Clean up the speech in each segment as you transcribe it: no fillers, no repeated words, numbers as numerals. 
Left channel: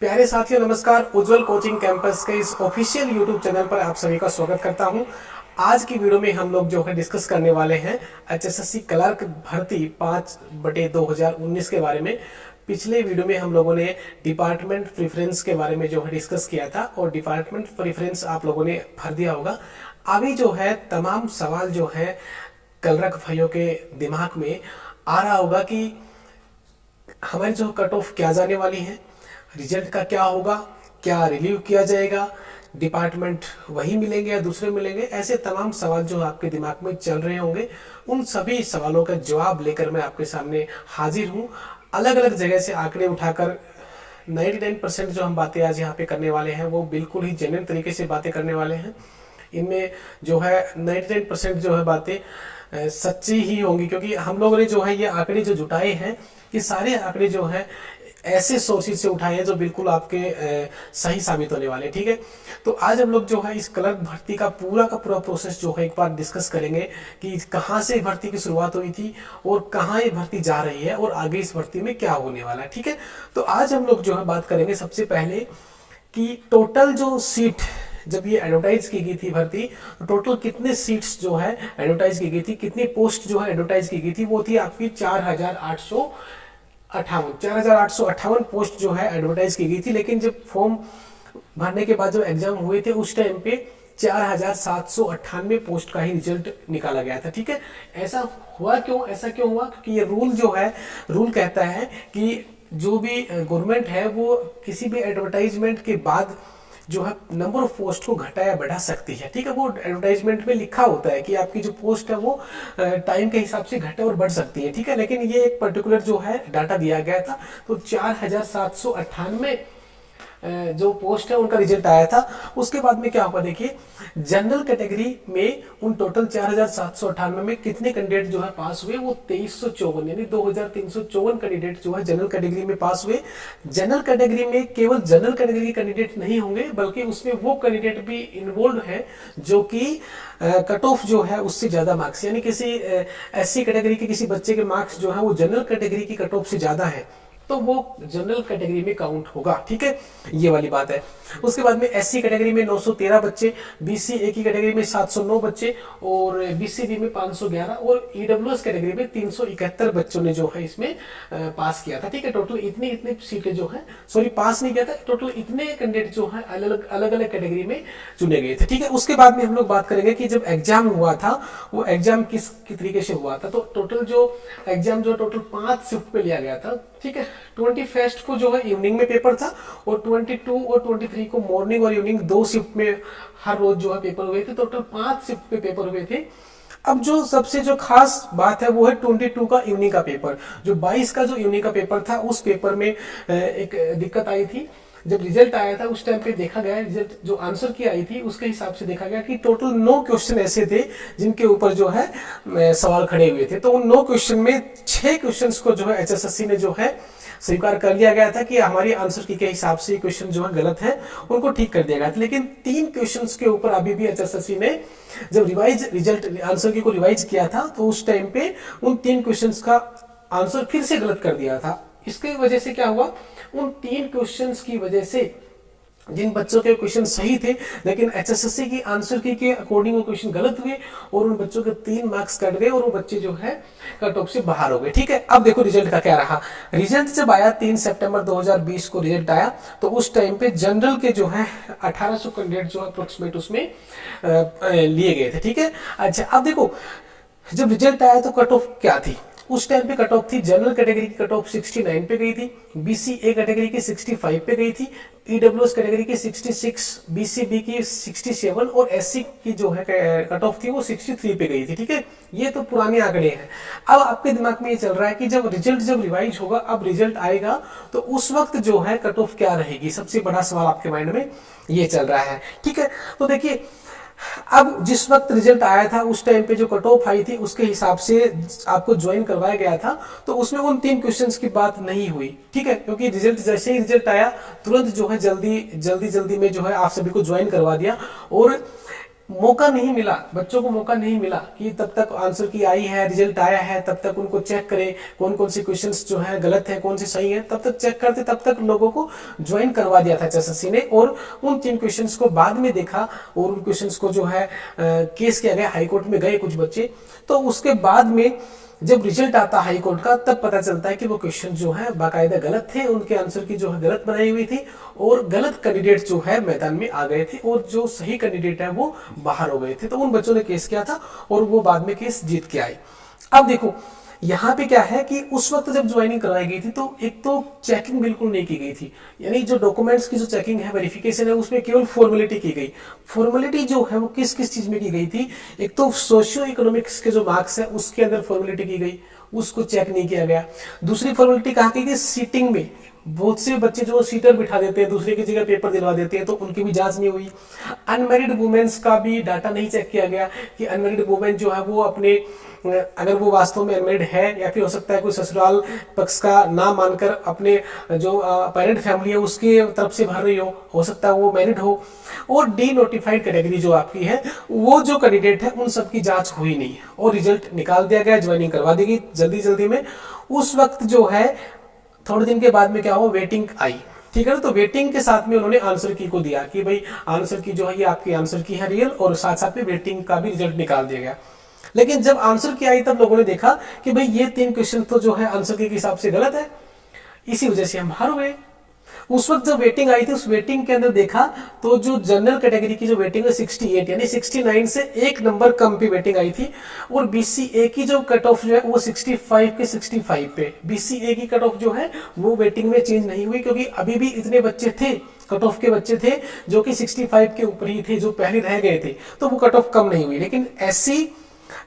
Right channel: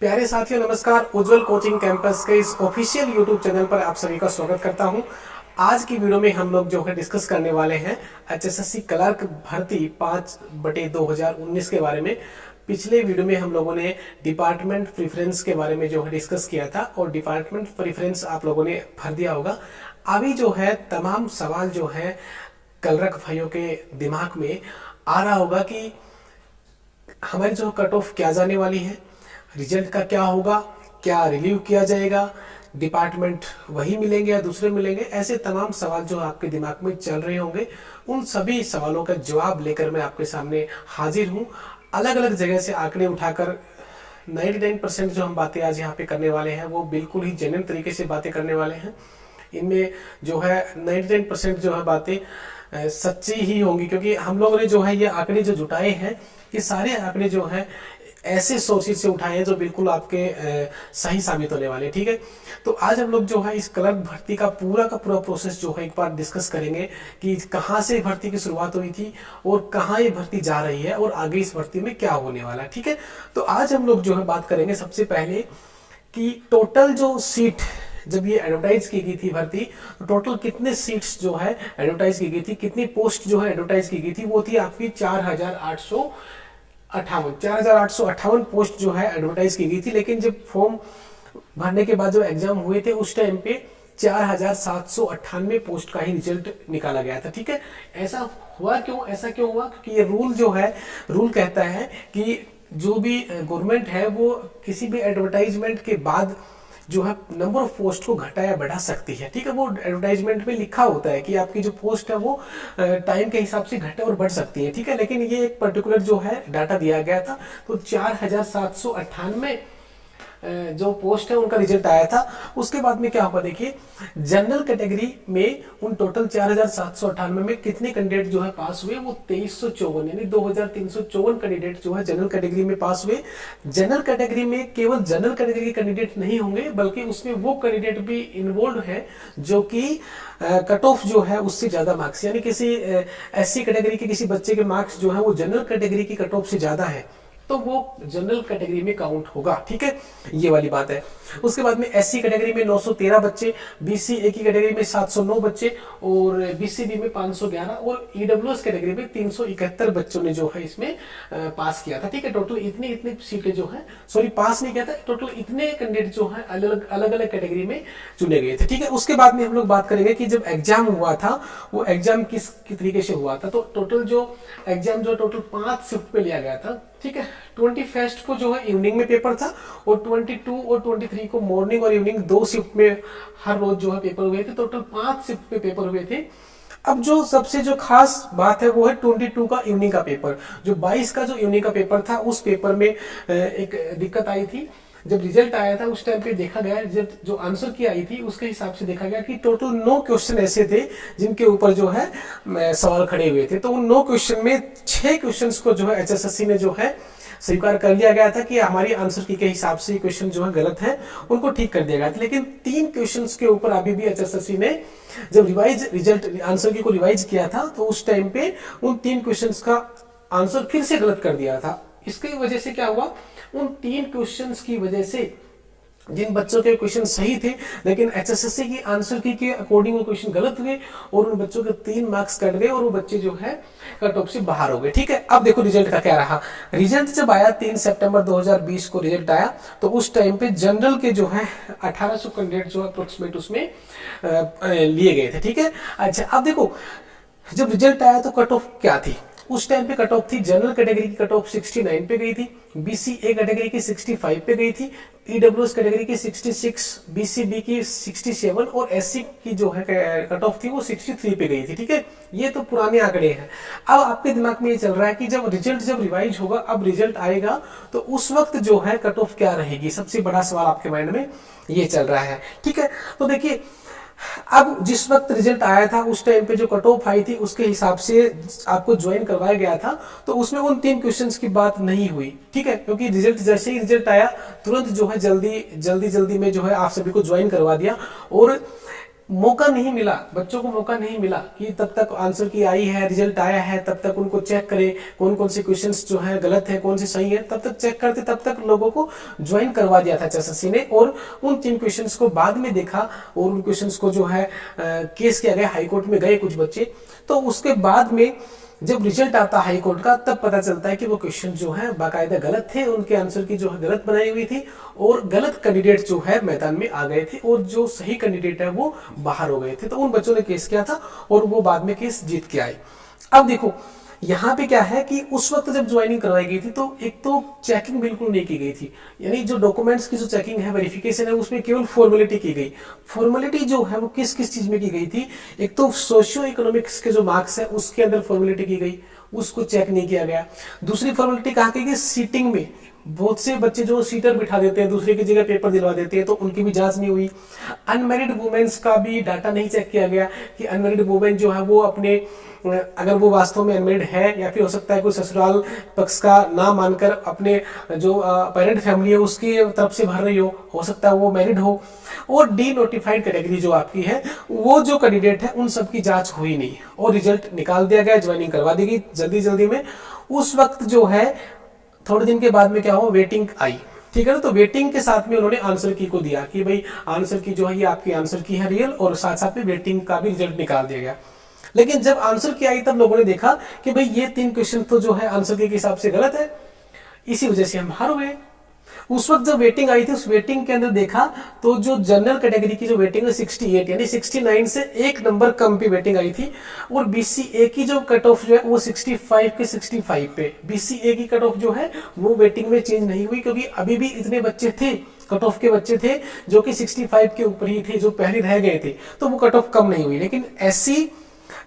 प्यारे साथियों नमस्कार। उज्जवल कोचिंग कैंपस के इस ऑफिशियल यूट्यूब चैनल पर आप सभी का स्वागत करता हूं। आज की वीडियो में हम लोग जो है डिस्कस करने वाले हैं एचएसएससी क्लर्क भर्ती 5/2019 के बारे में। पिछले वीडियो में हम लोगों ने डिपार्टमेंट प्रेफरेंस के बारे में जो है डिस्कस किया था और डिपार्टमेंट प्रेफरेंस आप लोगों ने भर दिया होगा। अभी जो है तमाम सवाल जो है क्लर्क भाइयों के दिमाग में आ रहा होगा कि हमारी जो कट ऑफ क्या जाने वाली है, रिजल्ट का क्या होगा, क्या रिलीव किया जाएगा, डिपार्टमेंट वही मिलेंगे या दूसरे मिलेंगे। ऐसे तमाम सवाल जो आपके दिमाग में चल रहे होंगे, उन सभी सवालों का जवाब लेकर मैं आपके सामने हाजिर हूँ। अलग अलग जगह से आंकड़े उठाकर 99% जो हम बातें आज यहाँ पे करने वाले हैं वो बिल्कुल ही जेन्युइन तरीके से बातें करने वाले हैं। इनमें जो है 99% जो है बातें सच्ची ही होंगी, क्योंकि हम लोगों ने जो है ये आंकड़े जो जुटाए हैं, ये सारे आंकड़े जो हैं ऐसे सोर्सेज से उठाए हैं जो बिल्कुल आपके सही साबित होने वाले। ठीक है, तो आज हम लोग जो है इस क्लर्क भर्ती का पूरा प्रोसेस जो है एक बार डिस्कस करेंगे कि कहाँ से भर्ती की शुरुआत हुई थी और कहाँ ये भर्ती जा रही है और आगे इस भर्ती में क्या होने वाला है। ठीक है, तो आज हम लोग जो है बात करेंगे सबसे पहले कि टोटल जो सीट जब ये एडवर्टाइज की गई थी भर्ती, तो टोटल कितने सीट्स जो है एडवर्टाइज की गई थी, कितनी पोस्ट जो है एडवर्टाइज की गई थी, वो थी आपकी 4,858 पोस्ट जो है एडवर्टाइज की गई थी। लेकिन जब फॉर्म भरने के बाद जब एग्जाम हुए थे उस टाइम पे 4,798 पोस्ट का ही रिजल्ट निकाला गया था। ठीक है, ऐसा हुआ क्यों? ऐसा क्यों हुआ? क्योंकि ये रूल कहता है कि जो भी गवर्नमेंट है वो किसी भी एडवर्टाइजमेंट के बाद जो है नंबर ऑफ पोस्ट को घटा या बढ़ा सकती है। ठीक है, वो एडवर्टाइजमेंट में लिखा होता है कि आपकी जो पोस्ट है वो टाइम के हिसाब से घटे और बढ़ सकती है। ठीक है, लेकिन ये एक पर्टिकुलर जो है डाटा दिया गया था, तो 4,798 जो पोस्ट है उनका रिजल्ट आया था। उसके बाद में क्या हुआ देखिए, जनरल कैटेगरी में उन टोटल 4,798 में कितने कैंडिडेट जो है पास हुए, वो 2354 यानी 2,354 कैंडिडेट जो है जनरल कैटेगरी में पास हुए। जनरल कैटेगरी में केवल जनरल कैटेगरी के कैंडिडेट नहीं होंगे, बल्कि उसमें वो कैंडिडेट भी इन्वॉल्व है जो कि कट ऑफ जो है उससे ज्यादा मार्क्स, यानी किसी एससी कैटेगरी के किसी बच्चे के मार्क्स जो है वो जनरल कैटेगरी की कट ऑफ से ज्यादा है, तो वो जनरल कैटेगरी में काउंट होगा। ठीक है, ये वाली बात है। उसके बाद में एससी कैटेगरी में 913 बच्चे, बीसी ए की कैटेगरी में 709 बच्चे और बीसीबी में 511 और ईडब्ल्यूएस कैटेगरी में 371 बच्चों ने जो है इसमें पास किया था। ठीक है, टोटल इतनी सीटें जो है, सॉरी पास नहीं किया था, टोटल इतने कैंडिडेट जो है अलग अलग कैटेगरी में चुने गए थे। ठीक है, उसके बाद में हम लोग बात करेंगे कि जब एग्जाम हुआ था वो एग्जाम किस तरीके से हुआ था। तो टोटल जो एग्जाम जो टोटल 5 शिफ्ट पे लिया गया था। ठीक है, 21 को जो है इवनिंग में पेपर था और 22 और 23 को मॉर्निंग और इवनिंग 2 शिफ्ट में हर रोज जो है पेपर हुए थे। टोटल 5 शिफ्ट पे पेपर हुए थे। अब जो सबसे जो खास बात है वो है 22 का इवनिंग का पेपर। जो 22 का जो इवनिंग का पेपर था उस पेपर में एक दिक्कत आई थी। जब रिजल्ट आया था उस टाइम पे देखा गया, रिजल्ट जो आंसर की आई थी उसके हिसाब से देखा गया कि टोटल 9 क्वेश्चन ऐसे थे जिनके ऊपर जो है सवाल खड़े हुए थे। तो उन 9 क्वेश्चन में 6 क्वेश्चन को जो है एचएसएससी ने जो है स्वीकार कर लिया गया था कि हमारी आंसर की के हिसाब से क्वेश्चन जो है गलत है, उनको ठीक कर दिया गया था। लेकिन 3 क्वेश्चंस के ऊपर अभी भी एचएसएससी ने जब रिवाइज रिजल्ट आंसर की को रिवाइज किया था तो उस टाइम पे उन 3 क्वेश्चंस का आंसर फिर से गलत कर दिया था। इसकी वजह से क्या हुआ, उन 3 क्वेश्चंस की वजह से जिन बच्चों के क्वेश्चन सही थे लेकिन एचएसएससी की आंसर की के अकॉर्डिंग वो क्वेश्चन गलत हुए और उन बच्चों के 3 मार्क्स कट गए और वो बच्चे जो है कट ऑफ से बाहर हो गए। ठीक है, अब देखो रिजल्ट का क्या रहा। रिजल्ट जब आया 3 सितंबर 2020 को रिजल्ट आया, तो उस टाइम पे जनरल के जो है 1800 कैंडिडेट जो अप्रोक्सीमेट उसमें लिए गए थे। ठीक है, अच्छा अब देखो जब रिजल्ट आया तो कट ऑफ क्या थी उस टाइम पे। कट ऑफ थी जनरल कैटेगरी की कट ऑफ 69 पे गई थी, बीसी ए कैटेगरी की 65 पे गई थी, ईडब्ल्यूएस कैटेगरी की 66, बीसीबी की 67 और एससी की जो है कट ऑफ थी वो 63 पे गई थी। ठीक है, ये तो पुराने आंकड़े हैं। अब आपके दिमाग में ये चल रहा है कि जब रिवाइज होगा, अब रिजल्ट आएगा तो उस वक्त जो है कट ऑफ क्या रहेगी, सबसे बड़ा सवाल आपके माइंड में ये चल रहा है। ठीक है, तो देखिए अब जिस वक्त रिजल्ट आया था उस टाइम पे जो कट ऑफ आई थी उसके हिसाब से आपको ज्वाइन करवाया गया था, तो उसमें उन 3 क्वेश्चंस की बात नहीं हुई। ठीक है, क्योंकि रिजल्ट जैसे ही रिजल्ट आया तुरंत जो है जल्दी में जो है आप सभी को ज्वाइन करवा दिया और मौका नहीं मिला, बच्चों को मौका नहीं मिला कि तब तक आंसर की आई है, रिजल्ट आया है, तब तक उनको चेक करें कौन कौन से क्वेश्चंस जो है गलत है, कौन से सही है, तब तक चेक करते, तब तक लोगों को ज्वाइन करवा दिया था एचएसएससी ने। और उन 3 क्वेश्चंस को बाद में देखा और उन क्वेश्चंस को जो है केस किया गया, हाईकोर्ट में गए कुछ बच्चे। तो उसके बाद में जब रिजल्ट आता हाई कोर्ट का, तब पता चलता है कि वो क्वेश्चन जो है बाकायदा गलत थे, उनके आंसर की जो है गलत बनाई हुई थी और गलत कैंडिडेट जो है मैदान में आ गए थे और जो सही कैंडिडेट है वो बाहर हो गए थे। तो उन बच्चों ने केस किया था और वो बाद में केस जीत के आए। अब देखो यहाँ पे क्या है कि उस वक्त जब ज्वाइनिंग करवाई गई थी तो एक तो चेकिंग बिल्कुल नहीं की गई थी, यानी जो डॉक्यूमेंट्स की जो चेकिंग है, वेरिफिकेशन है, उसमें केवल फॉर्मेलिटी की गई। फॉर्मेलिटी जो है वो किस किस चीज में की गई थी, एक तो सोशियो इकोनॉमिक्स के जो मार्क्स है उसके अंदर फॉर्मेलिटी की गई, उसको चेक नहीं किया गया। दूसरी फॉर्मेलिटी कहाँ की गई, सीटिंग में बहुत से बच्चे जो सीटर बिठा देते हैं, दूसरे की जगह पेपर दिलवा देते हैं, तो उनकी भी जांच नहीं हुई। अनमेरिड वुमेन्स का भी डाटा नहीं चेक किया गया कि अनमेरिड वुमेन जो है वो अपने, अगर वो वास्तव में अनमेरिड है या फिर हो सकता है कोई ससुराल पक्ष का नाम मानकर अपने जो पेरेंट फैमिली है उसकी तरफ से भर रही हो सकता है वो मैरिड हो। और डी नोटिफाइड कैटेगरी जो आपकी है, वो जो कैंडिडेट है उन सब की जांच हुई नहीं और रिजल्ट निकाल दिया गया, ज्वाइनिंग करवा दी गई जल्दी जल्दी में। उस वक्त जो है थोड़े दिन के बाद में क्या हो, वेटिंग आई, ठीक है ना। तो वेटिंग के साथ में उन्होंने आंसर की को दिया कि भाई आंसर की जो है ये आपकी आंसर की है रियल, और साथ साथ में वेटिंग का भी रिजल्ट निकाल दिया गया। लेकिन जब आंसर की आई तब लोगों ने देखा कि भाई ये 3 क्वेश्चन तो जो है आंसर के हिसाब से गलत है, इसी वजह से हम बाहर हुए। उस वक्त जब वेटिंग आई थी, उस वेटिंग के अंदर देखा तो जो जनरल कैटेगरी की जो वेटिंग है 68 यानी 69 से 1 नंबर कम पे वेटिंग आई थी, और बीसीए की जो कट ऑफ जो है वो 65 के 65 पे। बीसीए की कट ऑफ जो है वो वेटिंग में चेंज नहीं हुई, क्योंकि अभी भी इतने बच्चे थे, कट ऑफ के बच्चे थे जो कि 65 के ऊपर ही थे, जो पहले रह गए थे, तो वो कट ऑफ कम नहीं हुई। लेकिन एससी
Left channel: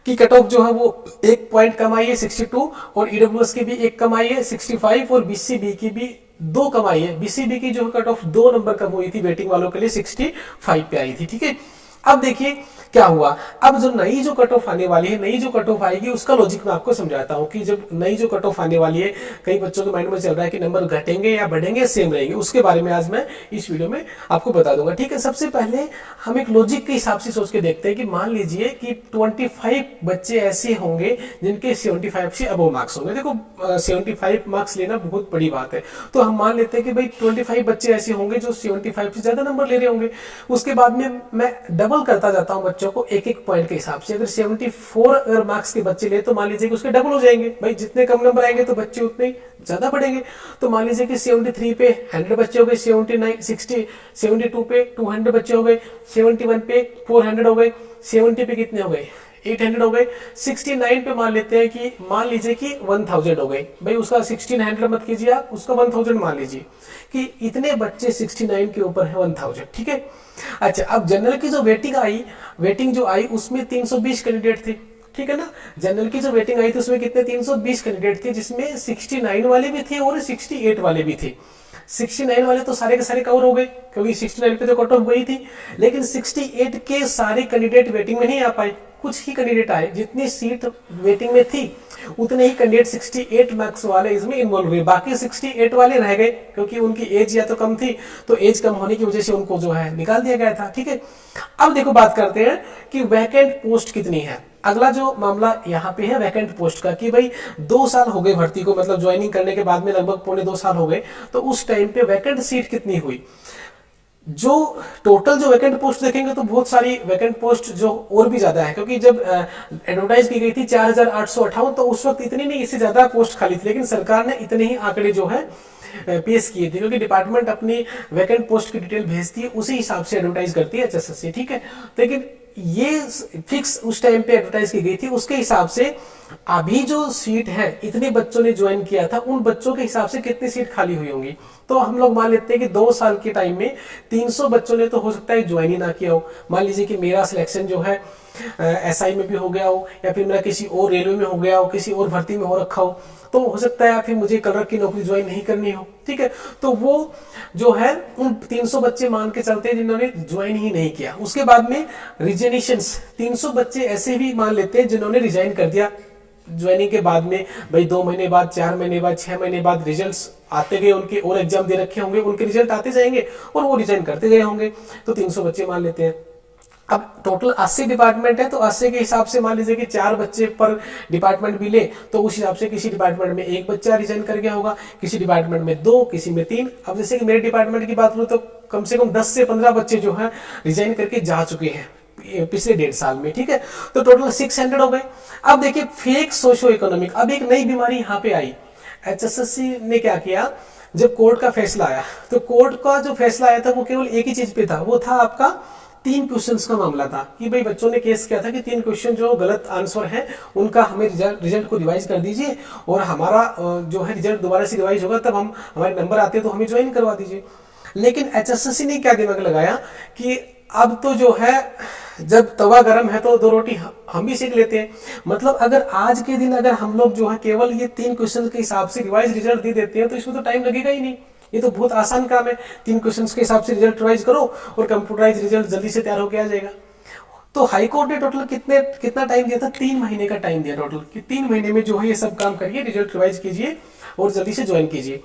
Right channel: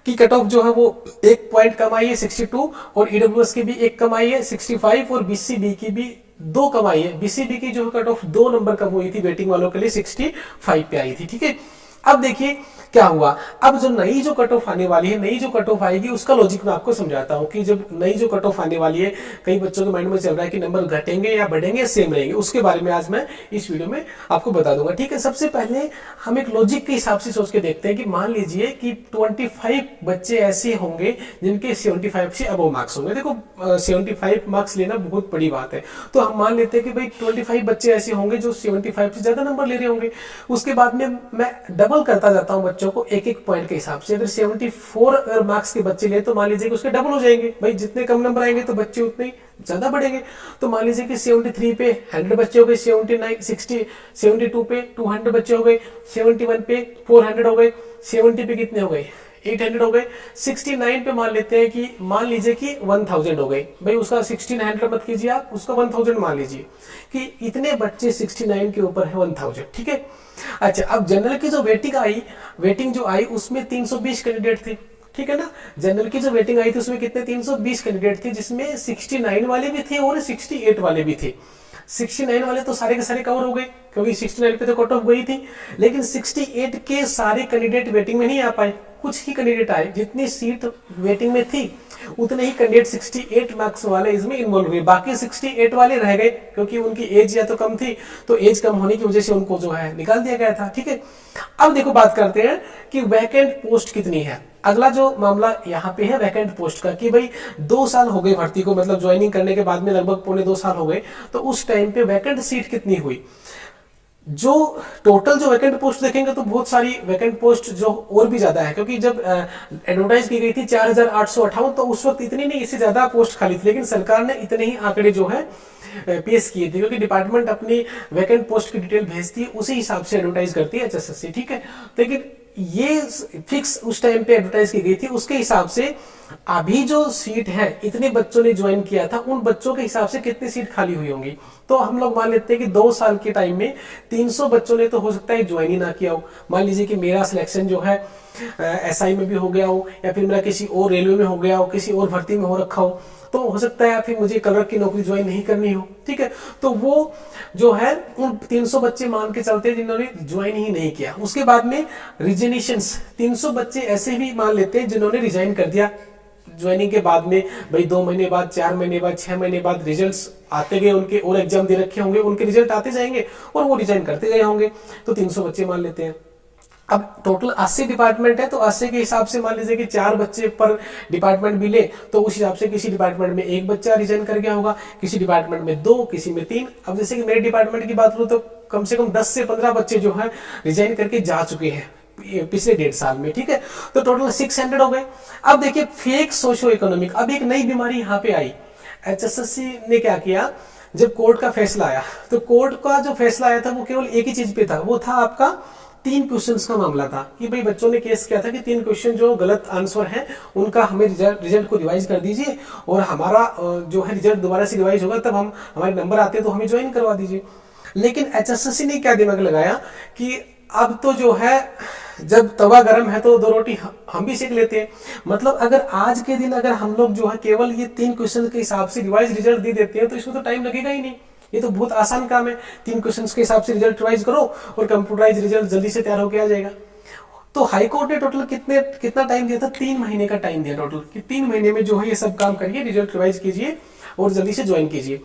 की कट ऑफ जो है वो 1 पॉइंट कम आई है 62, और ईडब्ल्यूएस की भी 1 कम आई है 65, और बीसीबी की भी 2 कम आई है। बीसीबी की जो है कट ऑफ 2 नंबर कम हुई थी वेटिंग वालों के लिए, 65 पे आई थी, ठीक है। अब देखिए क्या हुआ, अब जो नई जो कट ऑफ आने वाली है, नई जो कट ऑफ आएगी उसका लॉजिक मैं आपको समझाता हूं कि जब नई जो कट ऑफ आने वाली है, कई बच्चों के माइंड में चल रहा है कि नंबर घटेंगे या बढ़ेंगे या सेम रहेंगे, उसके बारे में आज मैं इस वीडियो में आपको बता दूंगा, ठीक है। सबसे पहले हम एक लॉजिक के हिसाब से सोच के देखते हैं कि मान लीजिए कि 25 बच्चे ऐसे होंगे जिनके 75 से अबव मार्क्स होंगे। देखो 75 मार्क्स लेना बहुत बड़ी बात है, तो हम मान लेते हैं कि भाई 25 बच्चे ऐसे होंगे जो 75 से ज्यादा नंबर ले रहे होंगे। उसके बाद में मैं डबल करता जाता हूं बच्चों को एक एक पॉइंट के हिसाब से। अगर 74 अगर मार्क्स के बच्चे ले तो मान लीजिए कि उसके डबल हो जाएंगे, भाई जितने कम नंबर आएंगे तो बच्चे उतने ही ज्यादा बढ़ेंगे। तो मान लीजिए कि 73 पे 100 बच्चे हो गए, 79 60 72 पे 200 बच्चे हो गए, 71 पे 400 हो गए, 70 पे कितने हो गए 800 हो गए, 69 पे मान लेते हैं कि मान लीजिए कि 1000 हो गए। भाई उसका 1600 मत कीजिए आप, उसका 1000 मान लीजिए कि इतने बच्चे 69 के ऊपर है 1000, ठीक है। अच्छा, अब जनरल की जो वेटिंग जो आई उसमें 320 कैंडिडेट थे, ठीक है ना। जनरल की जो वेटिंग आई थी उसमें कितने 320 कैंडिडेट थे, जिसमें 69 वाले भी थे और 68 वाले भी थे। 69 वाले तो सारे के सारे कवर हो गए क्योंकि 69 पे तो कट ऑफ गई थी, लेकिन 68 के सारे कैंडिडेट वेटिंग में नहीं आ पाए, कुछ ही कैंडिडेट आए। जितनी सीट वेटिंग में थी उतने ही कैंडिडेट 68 मार्क्स वाले इसमें इन्वॉल्व हुए, बाकी 68 वाले रह गए क्योंकि उनकी एज या तो कम थी, तो एज कम होने की वजह से उनको जो है निकाल दिया गया था, ठीक है। अब देखो बात करते हैं कि वैकेंट पोस्ट कितनी है। अगला जो मामला यहाँ पे है वैकेंट पोस्ट का, कि भाई 2 साल हो गए भर्ती को, मतलब ज्वाइनिंग करने के बाद में लगभग 1.25 साल हो गए, तो उस टाइम पे वैकेंट सीट कितनी हुई। जो टोटल जो वैकेंट पोस्ट देखेंगे तो बहुत सारी वैकेंट पोस्ट जो और भी ज्यादा है, क्योंकि जब एडवर्टाइज की गई थी 4858, तो उस वक्त इतनी नहीं, इससे ज्यादा पोस्ट खाली थी, लेकिन सरकार ने इतने ही आंकड़े जो है पेश किए थे, क्योंकि डिपार्टमेंट अपनी वैकेंट पोस्ट की डिटेल भेजती है, उसी हिसाब से एडवर्टाइज करती है एचएसएससी, ठीक है। लेकिन ये फिक्स उस टाइम पे एडवर्टाइज की गई थी, उसके हिसाब से अभी जो सीट है, इतने बच्चों ने ज्वाइन किया था, उन बच्चों के हिसाब से कितनी सीट खाली हुई होंगी। तो हम लोग मान लेते हैं कि 2 साल के टाइम में 300 बच्चों ने तो हो सकता है ज्वाइन ही ना किया हो। मान लीजिए कि मेरा सिलेक्शन जो है एसआई में भी हो गया हो, या फिर मेरा किसी और रेलवे में हो गया हो, किसी और भर्ती में हो रखा हो, तो हो सकता है फिर मुझे क्लर्क की नौकरी ज्वाइन नहीं करनी हो, ठीक है। तो वो जो है उन 300 बच्चे मान के चलते हैं जिन्होंने ज्वाइन ही नहीं किया। उसके बाद में रिजेनेशंस 300 बच्चे ऐसे भी मान लेते हैं जिन्होंने रिजाइन कर दिया ज्वाइनिंग के बाद में, भाई 2 महीने बाद, 4 महीने बाद, 6 महीने बाद रिजल्ट्स आते गए उनके, और एग्जाम दे रखे होंगे, उनके रिजल्ट आते जाएंगे और वो रिजाइन करते गए होंगे, तो 300 बच्चे मान लेते हैं। अब टोटल 80 डिपार्टमेंट है, तो 80 के हिसाब से मान लीजिए कि 4 बच्चे पर डिपार्टमेंट भी ले, तो उस हिसाब से किसी डिपार्टमेंट में 1 बच्चा रिजाइन कर गया होगा, किसी डिपार्टमेंट में 2, किसी में 3। अब जैसे कि मेरे डिपार्टमेंट की बात करूँ तो कम से कम 10 से 15 बच्चे जो है रिजाइन करके जा चुके हैं पिछले 1.5 साल में, ठीक है। तो टोटल 600 हो गए। अब देखिए फेक सोशो इकोनॉमिक, अब एक नई बीमारी यहाँ पे आई। HSSC ने क्या किया, जब कोर्ट का फैसला आया, तो कोर्ट का जो फैसला आया था वो केवल एक ही चीज पे था, वो था आपका 3 क्वेश्चंस का मामला था कि भाई बच्चों ने केस किया था कि 3 क्वेश्चन जो गलत आंसर है उनका हमें रिजल्ट को रिवाइज कर दीजिए, और हमारा जो है रिजल्ट दोबारा से रिवाइज होगा, तब हम हमारे नंबर आते हैं तो हमें ज्वाइन करवा दीजिए। लेकिन HSSC ने क्या दिमाग लगाया कि अब तो जो है जब तवा गर्म है तो 2 रोटी हम भी सेक लेते हैं। मतलब अगर आज के दिन अगर हम लोग जो है केवल ये 3 क्वेश्चन के हिसाब से रिवाइज रिजल्ट दे देते हैं तो इसमें तो टाइम लगेगा ही नहीं, ये तो बहुत आसान काम है। 3 क्वेश्चन के हिसाब से रिजल्ट रिवाइज करो और कंप्यूटराइज रिजल्ट जल्दी से तैयार होकर आ जाएगा। तो हाईकोर्ट ने टोटल कितना टाइम दिया था, 3 महीने का टाइम दिया टोटल, कि 3 महीने में जो है ये सब काम करिए, रिजल्ट रिवाइज कीजिए और जल्दी से ज्वाइन कीजिए।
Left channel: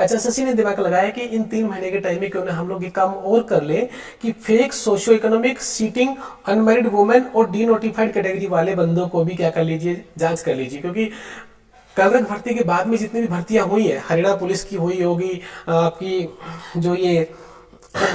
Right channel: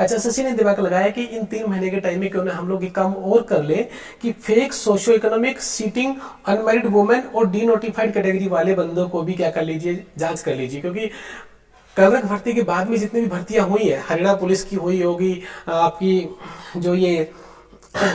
HSSC ने दिमाग लगाया कि इन 3 महीने के टाइम में क्यों ना हम लोग ये काम और कर ले कि fake socio economic, seating, unmarried women और डीनोटिफाइड कैटेगरी वाले बंदों को भी क्या कर लीजिए, जांच कर लीजिए। क्योंकि क्लर्क भर्ती के बाद में जितनी भी भर्तियां हुई है, हरियाणा पुलिस की हुई होगी, आपकी जो ये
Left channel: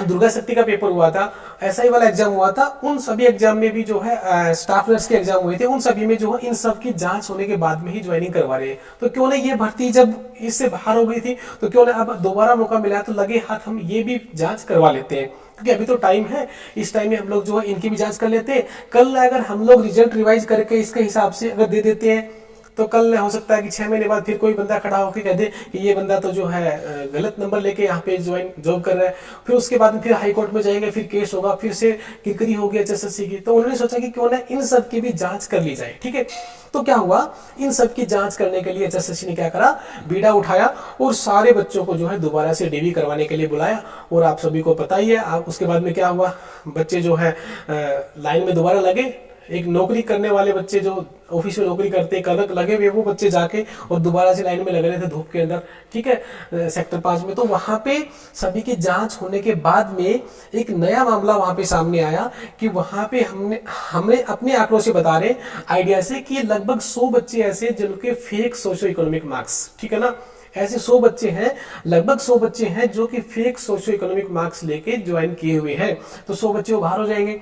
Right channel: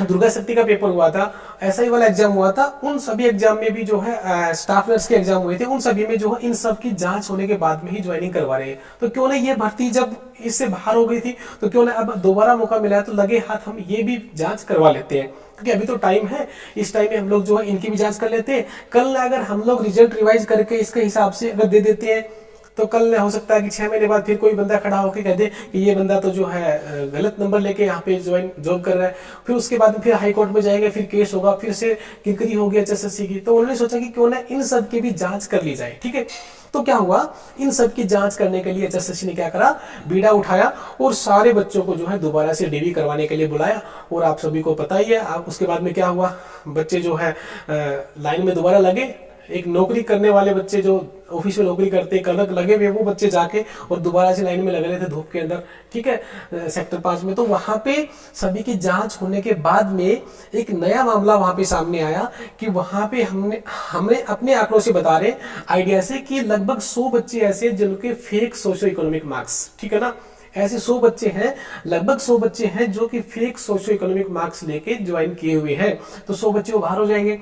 दुर्गा शक्ति का पेपर हुआ था, SI वाला एग्जाम हुआ था, उन सभी एग्जाम में भी जो है स्टाफ नर्स के एग्जाम हुए थे, उन सभी में जो है इन सब की जांच होने के बाद में ही ज्वाइनिंग करवा रहे हैं। तो क्यों ना ये भर्ती जब इससे बाहर हो गई थी तो क्यों ना अब दोबारा मौका मिला है तो लगे हाथ हम ये भी जांच करवा लेते हैं, क्योंकि अभी तो टाइम है, इस टाइम में हम लोग जो है इनकी भी जांच कर लेते हैं। कल अगर हम लोग रिजल्ट रिवाइज करके इसके हिसाब से अगर दे देते हैं तो कल हो सकता है कि 6 महीने बाद फिर कोई बंदा खड़ा होकर कह दे कि ये बंदा तो जो है गलत नंबर लेके यहाँ पे जॉब कर रहा है, फिर उसके बाद में फिर हाई कोर्ट में जाएंगे, फिर केस होगा, फिर से किरकिरी होगी HSSC की। तो उन्होंने सोचा कि क्यों ना इन सब की भी जांच कर ली जाए, ठीक है। तो क्या हुआ, इन सब की जांच करने के लिए HSSC ने क्या करा, बीड़ा उठाया और सारे बच्चों को जो है दोबारा से DV करवाने के लिए बुलाया। और आप सभी को पता ही है उसके बाद में क्या हुआ, बच्चे जो है लाइन में दोबारा लगे। एक नौकरी करने वाले बच्चे जो ऑफिस में नौकरी करते कलक लगे हुए, वो बच्चे जाके और दोबारा से लाइन में लग रहे थे धूप के अंदर, ठीक है, सेक्टर 5 में। तो वहां पे सभी की जांच होने के बाद में एक नया मामला वहां पे सामने आया कि वहां पे हमने अपने आंकड़ों से बता रहे आइडिया से कि लगभग 100 बच्चे ऐसे जिनके फेक सोशो इकोनॉमिक मार्क्स, ठीक है ना, ऐसे 100 बच्चे हैं, लगभग 100 बच्चे हैं जो कि फेक सोशो इकोनॉमिक मार्क्स लेके ज्वाइन किए हुए हैं। तो 100 बच्चे वो बाहर हो जाएंगे।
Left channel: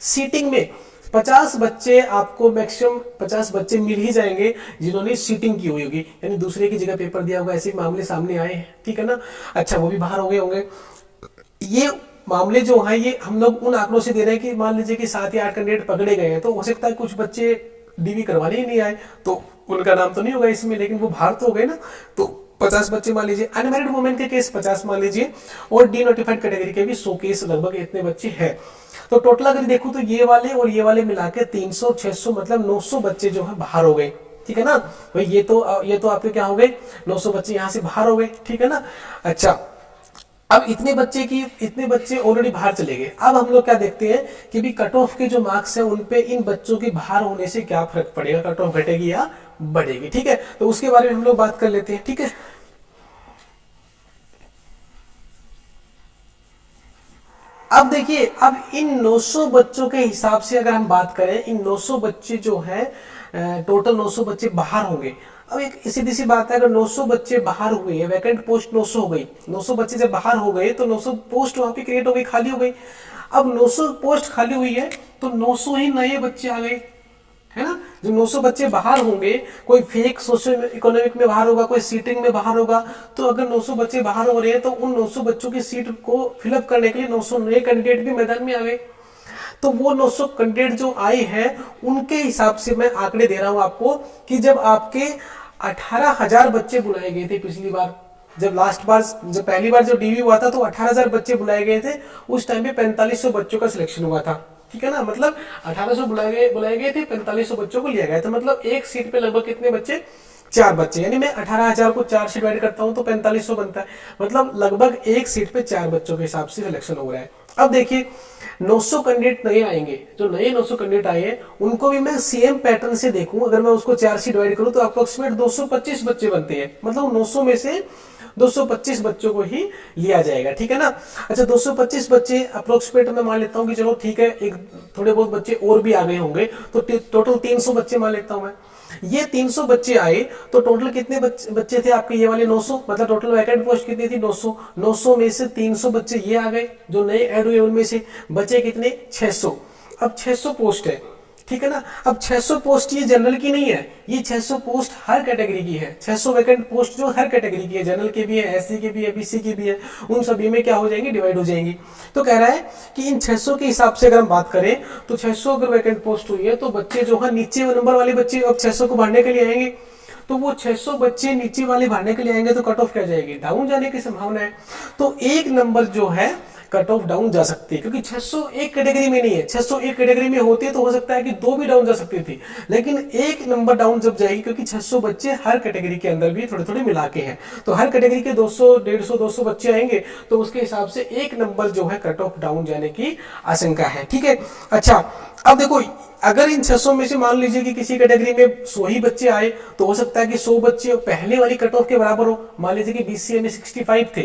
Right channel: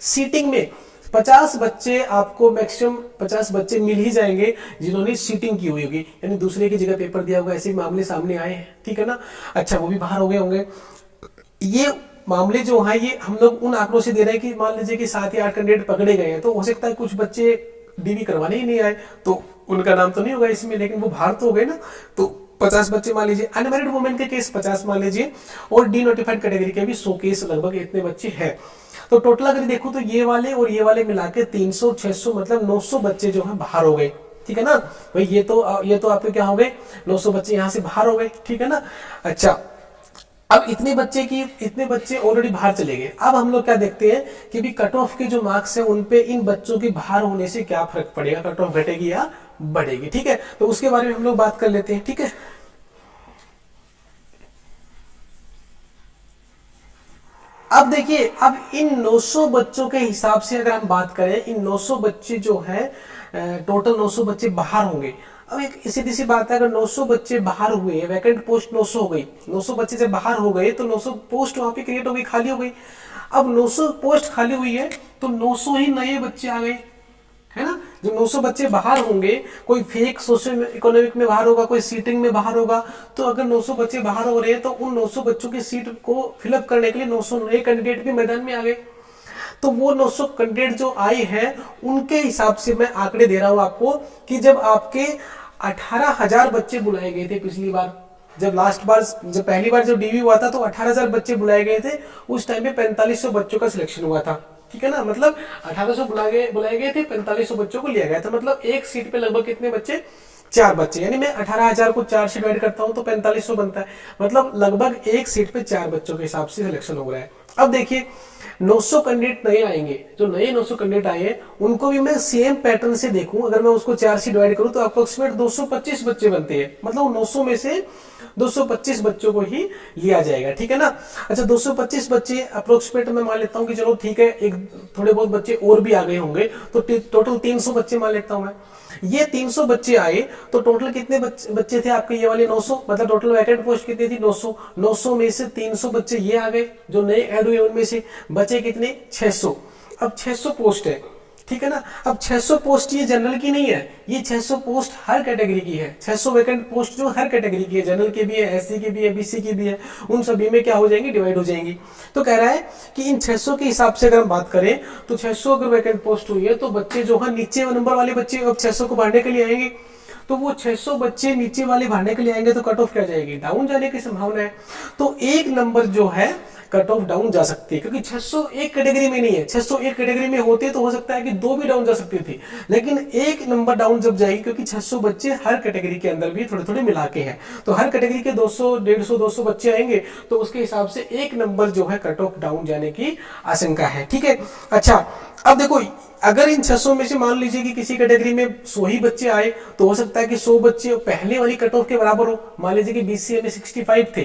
सीटिंग में 50 बच्चे आपको मैक्सिमम 50 बच्चे मिल ही जाएंगे जिन्होंने सीटिंग की हुई होगी, यानी दूसरे की जगह पेपर दिया होगा, ऐसे मामले सामने आए हैं, ठीक है ना। अच्छा, वो भी बाहर हो गए होंगे। ये मामले जो हैं ये हम लोग उन आंकड़ों से दे रहे हैं कि मान लीजिए कि 7 या 8 कैंडिडेट पकड़े गए हैं, तो हो सकता है कुछ बच्चे DV करवाने ही नहीं आए, तो उनका नाम तो नहीं होगा इसमें, लेकिन वो बाहर तो हो गए ना। तो 50 बच्चे मान लीजिए, अनमैरिड वुमेन के केस 50 मान लीजिए, और डीनोटिफाइड कैटेगरी के भी 100 केस लगभग इतने बच्चे हैं। तो टोटल अगर देखो तो ये वाले और ये वाले मिला के 300, 600 मतलब 900 बच्चे जो है बाहर हो गए, ठीक है ना भाई। ये तो आपके क्या हो गए, 900 बच्चे यहाँ से बाहर हो गए, ठीक है ना। अच्छा, अब इतने बच्चे ऑलरेडी बाहर चले गए। अब हम लोग क्या देखते हैं कि भी कट ऑफ के जो मार्क्स हैं उन पे इन बच्चों के बाहर होने से क्या फर्क पड़ेगा, कट ऑफ घटेगी या बढ़ेगी, ठीक है। तो उसके बारे में हम लोग बात कर लेते हैं, ठीक है। अब देखिए, अब इन 900 बच्चों के हिसाब से अगर हम बात करें, इन 900 बच्चे जो हैं टोटल 900 बच्चे बाहर होंगे। अब एक सीधी सी बात है, अगर 900 बच्चे बाहर हुए हैं, वैकेंट पोस्ट 900 हो गई, 900 बच्चे जब बाहर हो गए तो 900 पोस्ट वहां पे क्रिएट हो गई, खाली हो गई। अब 900 पोस्ट खाली हुई है तो 900 ही नए बच्चे आ गए, है ना। जो 900 बच्चे बाहर होंगे, कोई फेक सोशल इकोनॉमिक में बाहर होगा, कोई सीटिंग में बाहर होगा, तो अगर 900 बच्चे बाहर हो रहे हैं तो उन 900 बच्चों की सीट को फिलअप करने के लिए 900 नए कैंडिडेट भी मैदान में आ गए। तो वो 900 कैंडिडेट जो आए हैं उनके हिसाब से मैं आंकड़े दे रहा हूं आपको कि जब आपके 18,000 बच्चे बुलाए गए थे पिछली बार, जब पहली बार जो DV हुआ था तो 18,000 बच्चे बुलाए गए थे, उस टाइम पे 4500 बच्चों का सिलेक्शन हुआ था, ठीक है ना। मतलब 1800 बुलाए गए थे, 4500 बच्चों को लिया गया था। मतलब एक सीट पे लगभग कितने बच्चे, 4 बच्चे, यानी मैं 18,000 को 4 से डिवाइड करता हूं तो 4500 बनता है। मतलब लगभग एक सीट पे 4 बच्चों के हिसाब से सिलेक्शन हो रहा है। अब देखिए 900 कैंडिडेट नए आएंगे, जो नए 900 कैंडिडेट आए हैं उनको भी मैं सेम पैटर्न से देखूं, अगर मैं उसको 4 से डिवाइड करूं तो अप्रोक्सीमेट 225 बच्चे बनते हैं। मतलब 900 में से 225 बच्चों को ही लिया जाएगा, ठीक है ना। अच्छा 225 बच्चे अप्रोक्सीमेट मैं मान लेता हूं कि चलो ठीक है, एक थोड़े बहुत बच्चे और भी आ गए होंगे, तो टोटल 300 बच्चे मान लेता हूं मैं। ये 300 बच्चे आए तो टोटल कितने बच्चे थे आपके, ये वाले 900, मतलब टोटल वैकेंट पोस्ट कितनी थी 900। 900 में से 300 बच्चे ये आ गए जो नए ऐड हुए, उनमें से बचे कितने 600। अब 600 पोस्ट है, ठीक है ना। अब 600 पोस्ट ये जनरल की नहीं है, ये 600 पोस्ट हर कैटेगरी की है। 600 वैकेंट पोस्ट जो हर कैटेगरी की है, जनरल के भी है, एससी के भी है, बीसी की भी है, उन सभी में क्या हो जाएंगी, डिवाइड हो जाएंगी। तो कह रहा है कि इन 600 के हिसाब से अगर हम बात करें तो 600 अगर वैकेंट पोस्ट हुई है तो बच्चे जो है नीचे नंबर वाले बच्चे अब 600 को भरने के लिए आएंगे, तो वो 600 बच्चे नीचे वाले भरने के लिए आएंगे तो कट ऑफ क्या जाएगी, डाउन जाने की संभावना है। तो एक नंबर जो है कट ऑफ डाउन जा सकती है, क्योंकि 600 एक कैटेगरी में नहीं है। 600 एक कैटेगरी में होते तो हो सकता है कि 2 भी डाउन जा सकती थी, लेकिन एक नंबर डाउन जब जाएगी, क्योंकि 600 बच्चे हर कैटेगरी के अंदर भी थोड़े थोड़े मिला के हैं, तो हर कैटेगरी के 200 150 200 बच्चे आएंगे, तो उसके हिसाब से एक नंबर जो है कट ऑफ डाउन जाने की आशंका है, ठीक है। अच्छा अब देखो, अगर इन 600 में से मान लीजिए कि किसी कैटेगरी में 100 ही बच्चे आए, तो हो सकता है कि 100 बच्चे पहले वाली कट ऑफ के बराबर हो। मान लीजिए कि बीसीए में 65 थे,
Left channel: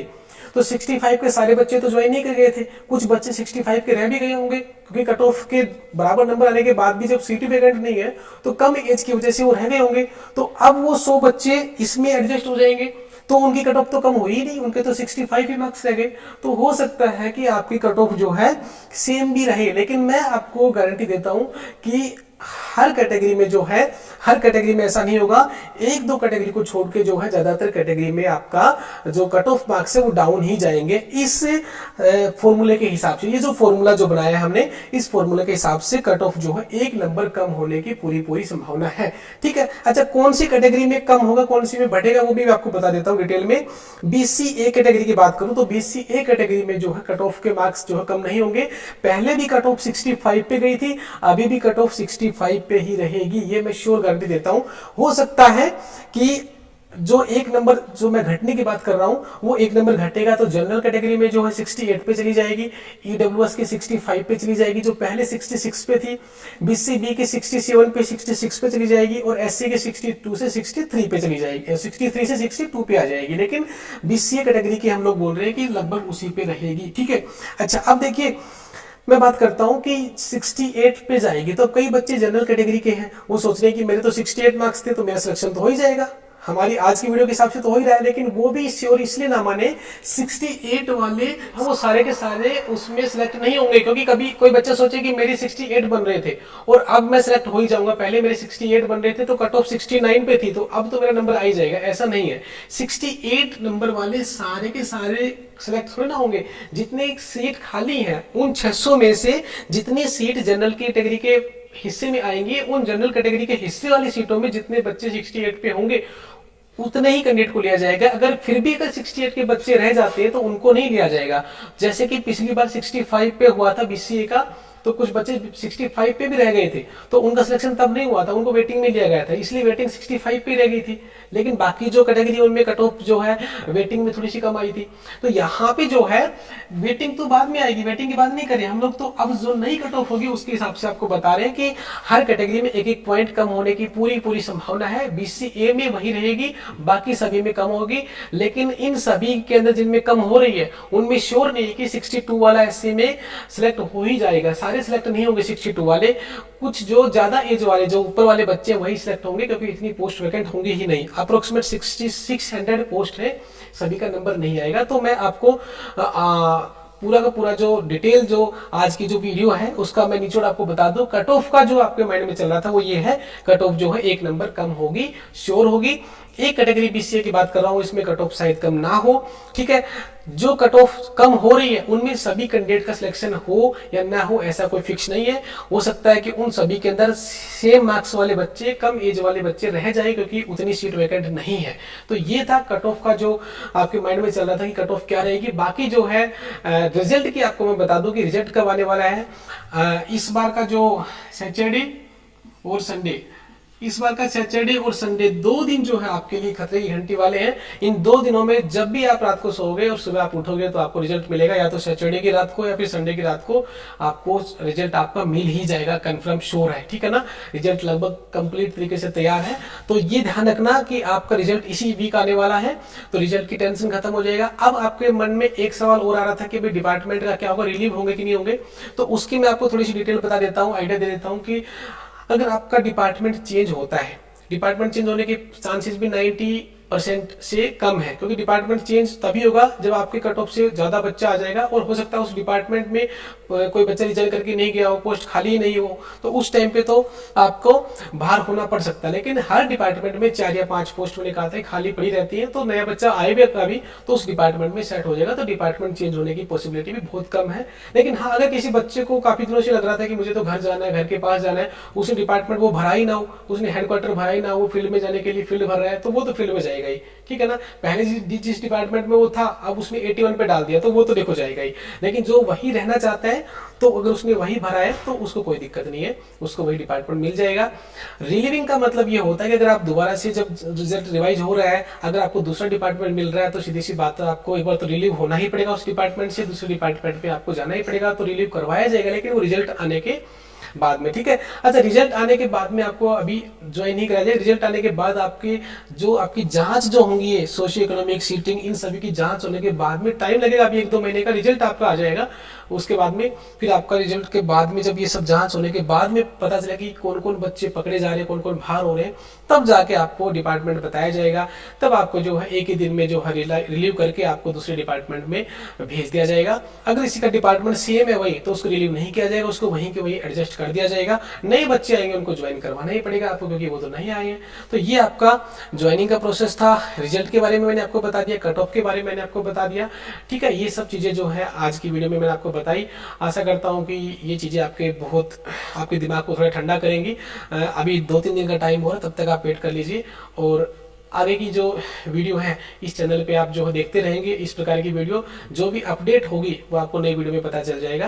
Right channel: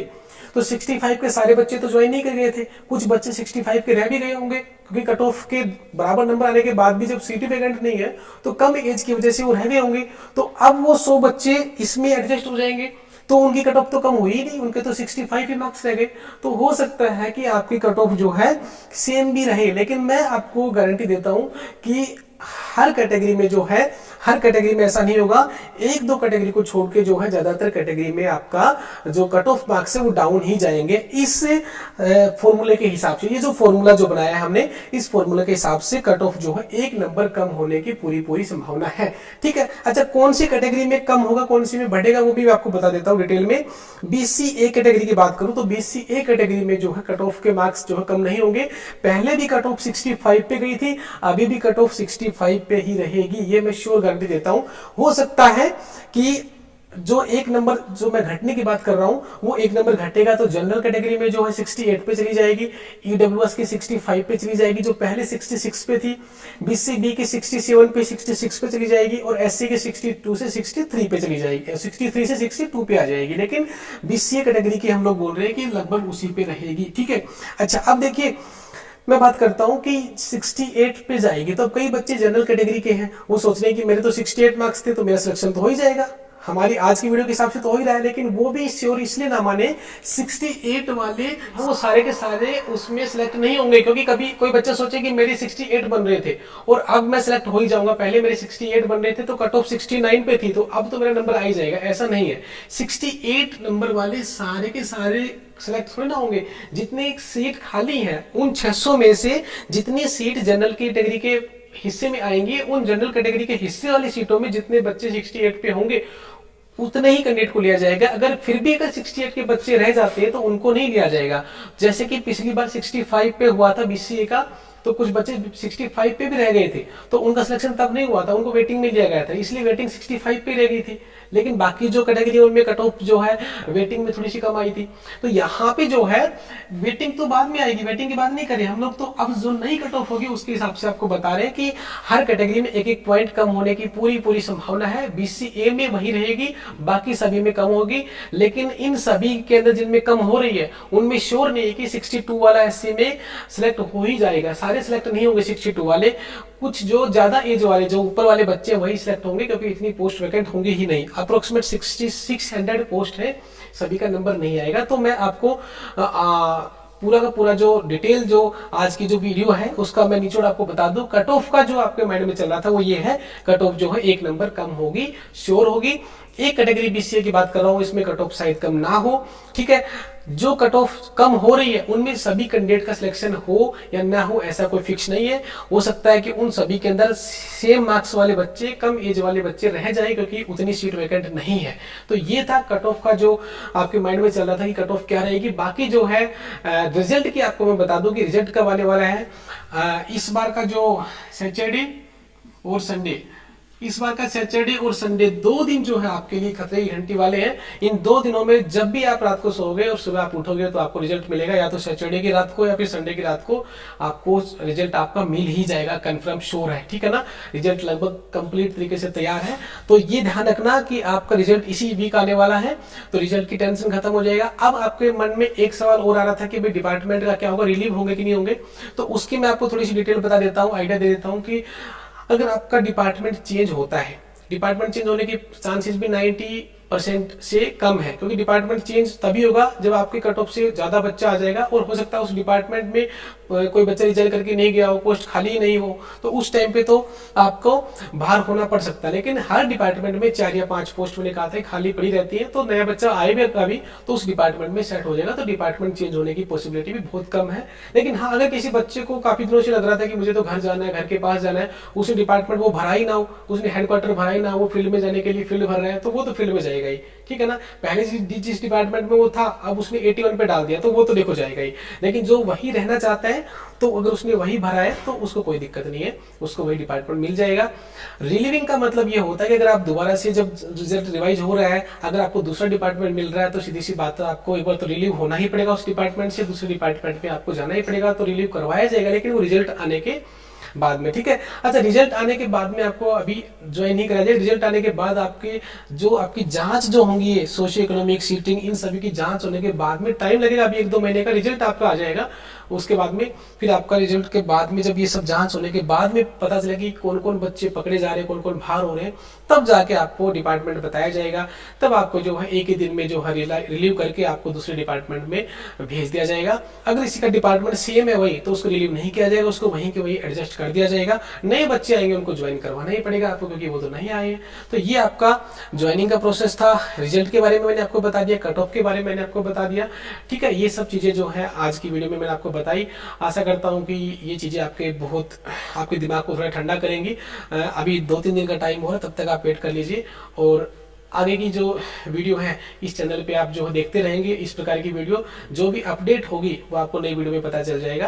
तो 65 के सारे बच्चे तो ज्वाइन नहीं कर गए थे, कुछ बच्चे 65 के रह भी गए होंगे, क्योंकि कट ऑफ के बराबर नंबर आने के बाद भी जब सीट वैकेंट नहीं है तो कम एज की वजह से वो रह गए होंगे। तो अब वो 100 बच्चे इसमें एडजस्ट हो जाएंगे, तो उनकी कट ऑफ तो कम हुई ही नहीं, उनके तो 65 ही मार्क्स रह गए। तो हो सकता है कि आपकी कट ऑफ जो है सेम भी रहे, लेकिन मैं आपको गारंटी देता हूं कि हर कैटेगरी में जो है, हर कैटेगरी में ऐसा नहीं होगा। 1-2 कैटेगरी को छोड़ के जो है ज्यादातर कैटेगरी में आपका जो कट ऑफ मार्क्स है वो डाउन ही जाएंगे, इस फॉर्मूले के हिसाब से। ये जो फॉर्मूला जो बनाया है हमने, इस फॉर्मूले के हिसाब से कट ऑफ जो है 1 नंबर कम होने की पूरी संभावना है, ठीक है। अच्छा कौन सी कैटेगरी में कम होगा, कौन सी में बढ़ेगा, वो भी मैं आपको बता देता हूं डिटेल में। बीसीए कैटेगरी की बात करूं तो बीसीए कैटेगरी में जो है कट ऑफ के मार्क्स जो है कम नहीं होंगे। पहले भी कट ऑफ 65 पे गई थी, अभी भी कट ऑफ 65 पे ही रहेगी, ये मैं श्योर गारंटी देता हूं। हो सकता है कि जो 1 नंबर जो मैं घटने की बात कर रहा हूं वो 1 नंबर घटेगा तो जनरल कैटेगरी में जो है 68 पे चली जाएगी, ईडब्ल्यूएस की 65 पे चली जाएगी जो पहले 66 पे थी, बीसीबी के 67 पे 66 पे चली जाएगी, और एससी के 62 से 63 पे चली जाएगी, 63 से 62 पे आ जाएगी। लेकिन बीसीए कैटेगरी की हम लोग बोल रहे हैं कि लगभग उसी पे रहेगी, ठीक है। अच्छा अब देखिए, मैं बात करता हूं कि 68 पे जाएगी, तो अब कई बच्चे जनरल कैटेगरी के हैं, वो सोच रहे हैं कि मेरे तो 68 मार्क्स थे तो मेरा सिलेक्शन तो हो ही जाएगा, हमारी आज की वीडियो के हिसाब से तो हो ही रहा है। लेकिन वो भी श्योर इसलिए ना माने, 68 वाले वो सारे के सारे उसमें सिलेक्ट नहीं होंगे, क्योंकि कभी कोई बच्चा सोचे कि मेरे 68 बन रहे थे और अब मैं सिलेक्ट हो ही जाऊंगा, पहले मेरे 68 बन रहे थे तो कट ऑफ 69 पे थी, तो अब तो मेरा नंबर आ ही जाएगा, ऐसा नहीं है। 68 नंबर वाले सारे के सारे सिलेक्ट थोड़े ना होंगे। जितने सीट खाली हैं उन 600 में से जितनी सीट जनरल कैटेगरी के हिस्से में आएंगी, उन जनरल कैटेगरी के हिस्से वाली सीटों में जितने बच्चे 68 पे होंगे उतने ही कैंडिडेट को लिया जाएगा। अगर फिर भी अगर 68 के बच्चे रह जाते हैं तो उनको नहीं लिया जाएगा। जैसे कि पिछली बार 65 पे हुआ था बीसीए का, तो कुछ बच्चे 65 पे भी रह गए थे तो उनका सिलेक्शन तब नहीं हुआ था, उनको वेटिंग में लिया गया था, इसलिए वेटिंग 65 पे रह गई थी। लेकिन बाकी जो कैटेगरी उनमें कट ऑफ जो है वेटिंग में थोड़ी सी कम आई थी। तो यहाँ पे जो है वेटिंग तो बाद में आएगी, वेटिंग की बात नहीं करें हम लोग, तो अब जो नई कट ऑफ होगी उसके हिसाब से आपको बता रहे हैं कि हर कैटेगरी में 1-1 पॉइंट कम होने की पूरी संभावना है। बीसीए में वही रहेगी, बाकी सभी में कम होगी, लेकिन इन सभी के अंदर जिनमें कम हो रही है उनमें श्योर नहीं है कि 62 वाला एससी में सिलेक्ट हो ही जाएगा। सारे सिलेक्ट नहीं होंगे 62 वाले, कुछ जो ज्यादा एज वाले जो ऊपर वाले बच्चे हैं वही सिलेक्ट होंगे, क्योंकि इतनी पोस्ट वैकेंट होंगी ही नहीं। अप्रोक्सीमेट 600 पोस्ट है, सभी का नंबर नहीं आएगा। तो मैं आपको पूरा का पूरा जो डिटेल जो आज की जो वीडियो है उसका मैं निचोड़ आपको बता दूं। कट ऑफ का जो आपके माइंड में चल रहा था वो ये है, कट ऑफ जो है 1 नंबर कम होगी, श्योर होगी। एक कैटेगरी बीसीए की बात कर रहा हूं, इसमें कट ऑफ शायद कम ना हो, ठीक है। जो कट ऑफ कम हो रही है उनमें सभी कैंडिडेट का सिलेक्शन हो या ना हो ऐसा कोई फिक्स नहीं है। हो सकता है कि उन सभी के अंदर सेम मार्क्स वाले बच्चे, कम एज वाले बच्चे रह जाए, क्योंकि उतनी सीट वैकेंट नहीं है। तो ये था कट ऑफ का जो आपके माइंड में चल रहा था कि कट ऑफ क्या रहेगी। बाकी जो है रिजल्ट की आपको मैं बता दूं कि रिजल्ट कब आने वाला है। इस बार का जो सैटरडे और संडे इस बार का सैटरडे और संडे 2 दिन जो है आपके लिए खतरे की घंटी वाले हैं। इन 2 दिनों में जब भी आप रात को सोओगे और सुबह आप उठोगे तो आपको रिजल्ट मिलेगा, या तो सैटरडे की रात को या फिर संडे की रात को आपको रिजल्ट आपका मिल ही जाएगा, कंफर्म श्योर है, ठीक है ना। रिजल्ट लगभग कंप्लीट तरीके से तैयार है। तो ये ध्यान रखना कि आपका रिजल्ट इसी वीक आने वाला है, तो रिजल्ट की टेंशन खत्म हो जाएगा। अब आपके मन में एक सवाल और आ रहा था कि भाई डिपार्टमेंट का क्या होगा, रिलीव होंगे कि नहीं होंगे, तो उसकी मैं आपको थोड़ी सी डिटेल बता देता हूँ, आइडिया दे देता हूँ कि अगर आपका डिपार्टमेंट चेंज होता है, डिपार्टमेंट चेंज होने के चांसेस भी 90% से कम है, क्योंकि डिपार्टमेंट चेंज तभी होगा जब आपके कट ऑफ से ज़्यादा बच्चा आ जाएगा और हो सकता है उस डिपार्टमेंट में कोई बच्चा रिजाइन करके नहीं गया हो, पोस्ट खाली ही नहीं हो, तो उस टाइम पे तो आपको बाहर होना पड़ सकता है। लेकिन हर डिपार्टमेंट में 4 या 5 पोस्ट मैंने कहा था खाली पड़ी रहती है, तो नया बच्चा आए भी कभी तो उस डिपार्टमेंट में सेट हो जाएगा, तो डिपार्टमेंट चेंज होने की पॉसिबिलिटी भी बहुत कम है। लेकिन हाँ, अगर किसी बच्चे को काफ़ी दिनों से लग रहा था कि मुझे तो घर जाना है, घर के पास जाना है, उसने डिपार्टमेंट वो भरा ही ना हो, उसने हेडक्वार्टर भरा ही ना हो, वो फील्ड में जाने के लिए फील्ड भर रहा है, तो वो तो फील्ड में जाएगा ही, ठीक है ना। पहले जिस डिपार्टमेंट में वो था अब उसने 81 पे डाल दिया, तो वो तो देखो जाएगा ही। लेकिन जो वही रहना चाहता है तो अगर उसने वही भरा है तो उसको कोई दिक्कत नहीं है, उसको वही डिपार्टमेंट मिल जाएगा। रिलीविंग का मतलब ये होता है कि अगर आप दोबारा से जब रिजल्ट रिवाइज हो रहा है, अगर आपको दूसरा डिपार्टमेंट मिल रहा है तो सीधी सी बात है आपको एक बार तो रिलीव होना ही पड़ेगा उस डिपार्टमेंट से, दूसरे डिपार्टमेंट में आपको जाना ही पड़ेगा, तो रिलीव करवाया जाएगा, लेकिन वो रिजल्ट आने के बाद में, ठीक है। अच्छा, रिजल्ट आने के बाद में आपको अभी ज्वाइन नहीं कराया जाएगा। रिजल्ट आने के बाद आपकी जांच जो होंगी, सोशियो इकोनॉमिक सीटिंग, इन सभी की जांच होने के बाद में टाइम लगेगा, अभी 1-2 महीने का रिजल्ट आपका आ जाएगा। उसके बाद में फिर आपका रिजल्ट के बाद में जब ये सब जांच होने के बाद में पता चलेगा कि कौन कौन बच्चे पकड़े जा रहे हैं, कौन कौन बाहर हो रहे हैं, तब जाके आपको डिपार्टमेंट बताया जाएगा। तब आपको जो है एक ही दिन में जो है रिलीव करके आपको दूसरे डिपार्टमेंट में भेज दिया जाएगा। अगर इसी का डिपार्टमेंट सेम है वही, तो उसको रिलीव नहीं किया जाएगा, उसको वहीं के वहीं एडजस्ट कर दिया जाएगा। नए बच्चे आएंगे उनको ज्वाइन करवाना ही पड़ेगा आपको, क्योंकि वो तो नहीं आए हैं। तो ये आपका ज्वाइनिंग का प्रोसेस था। रिजल्ट के बारे में मैंने आपको बता दिया, कट ऑफ के बारे में मैंने आपको बता दिया, ठीक है। ये सब चीज़ें जो है आज की वीडियो में मैंने आपको बताई। आशा करता हूँ कि ये चीज़ें आपके दिमाग को थोड़ा ठंडा करेंगी। अभी 2-3 दिन का टाइम हो रहा है, तब तक आप वेट कर लीजिए, और आगे की जो वीडियो है इस चैनल पे आप जो देखते रहेंगे इस प्रकार की वीडियो, जो भी अपडेट होगी वो आपको नई वीडियो में पता चल जाएगा।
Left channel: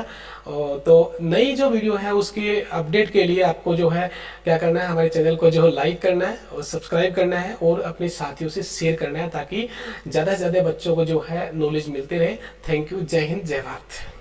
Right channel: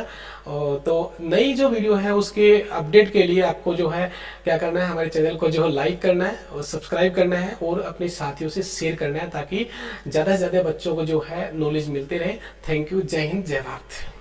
तो नई जो वीडियो है उसके अपडेट के लिए आपको जो है क्या करना है, हमारे चैनल को जो है लाइक करना है और सब्सक्राइब करना है और अपने साथियों से शेयर करना है, ताकि ज़्यादा से ज़्यादा बच्चों को जो है नॉलेज मिलते रहे। Thank you. जय हिंद, जय भारत।